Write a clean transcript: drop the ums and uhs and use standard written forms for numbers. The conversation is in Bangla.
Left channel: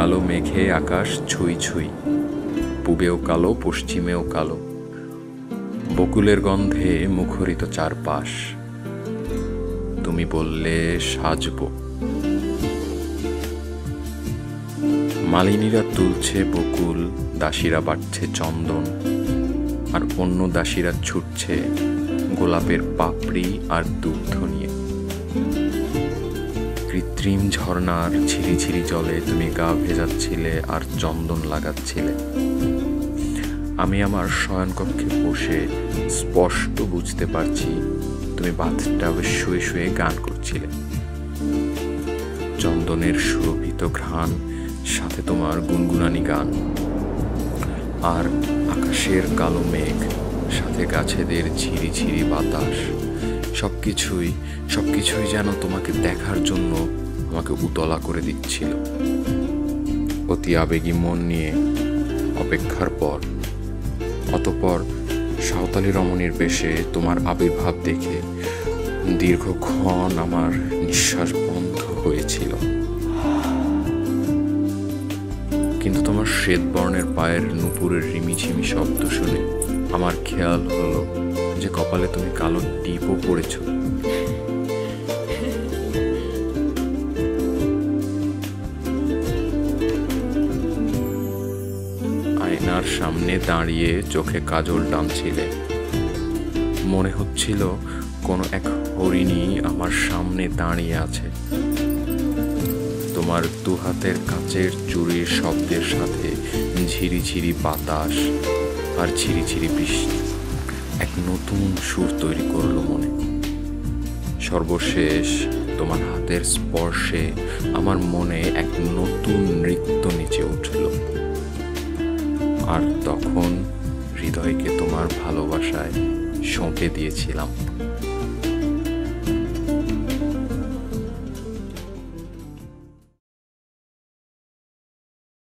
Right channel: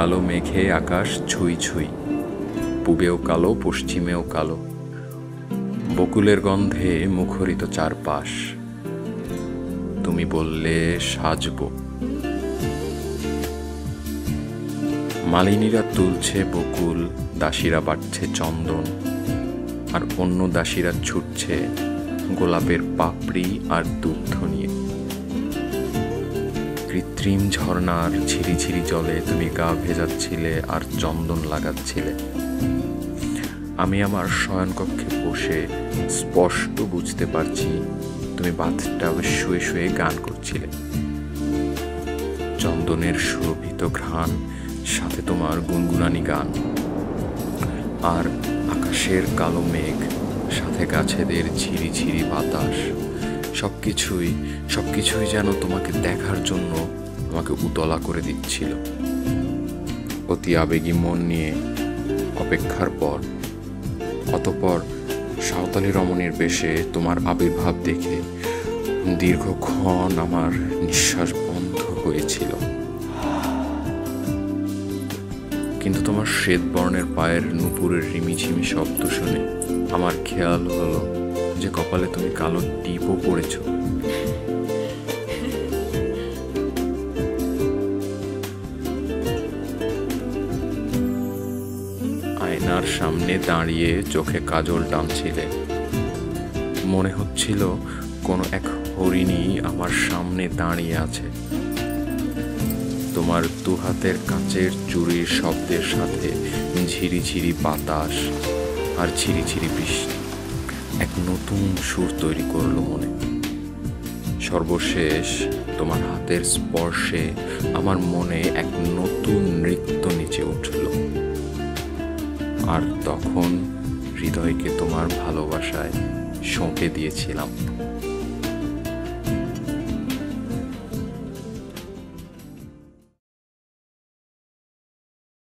কালো মেঘে আকাশ ছুঁই ছুঁই, পূবেও কালো পশ্চিমেও কালো, বকুলের গন্ধে মুখরিত চারপাশ। তুমি বললে সাজবো। মালিনীরা তুলছে বকুল, দাসীরা বাটছে চন্দন, আর অন্য দাসীরা ছুটছে গোলাপের পাপড়ি আর দুগ্ধ নিয়ে। কৃত্রিম ঝর্ণার ঝিরিঝিরি জলে তুমি গা ভেজাচ্ছিলে আর চন্দন লাগাচ্ছিলে। আমি আমার শয়নকক্ষে বসে স্পষ্ট বুঝতে পারছি তুমি বাথটাবে শুয়ে শুয়ে গান করছিলে। চন্দনের সুরভিত ঘ্রাণ, সাথে তোমার গুনগুনানি গান, আর আকাশের কালো মেঘ, সাথে গাছেদের ঝিরিঝিরি বাতাস, সবকিছুই যেন তোমাকে দেখার জন্য আমাকে উতলা করে দিচ্ছিল। অতি আবেগী মন নিয়ে অপেক্ষার পর, অতঃপর সাঁওতালি রমণীর বেশে তোমার আবির্ভাব দেখে দীর্ঘক্ষণ আমার নিঃশ্বাস বন্ধ হয়েছিল। কিন্তু তোমার শ্বেতবর্ণের পায়ের নুপুরের রিমিঝিমি শব্দ শুনে আমার খেয়াল হলো যে কপালে তুমি কালো টিপও পড়েছ। আয়নার সামনে দাঁড়িয়ে চোখে কাজল টানছিলে। মনে হচ্ছিল কোনো এক হরিণী আমার সামনে দাঁড়িয়ে আছে। তোমার দুহাতের কাচের চুরির শব্দের সাথে ঝিরিঝিরি বাতাস আর ঝিরিঝিরি বৃষ্টি এক নতুন সুর তৈরি করলো মনে। সর্বশেষ তোমার হাতের স্পর্শে আমার মনে এক নতুন নৃত্য নেচে উঠল। আর তখন হৃদয়কে তোমার ভালোবাসায় সঁপে দিয়েছিলাম।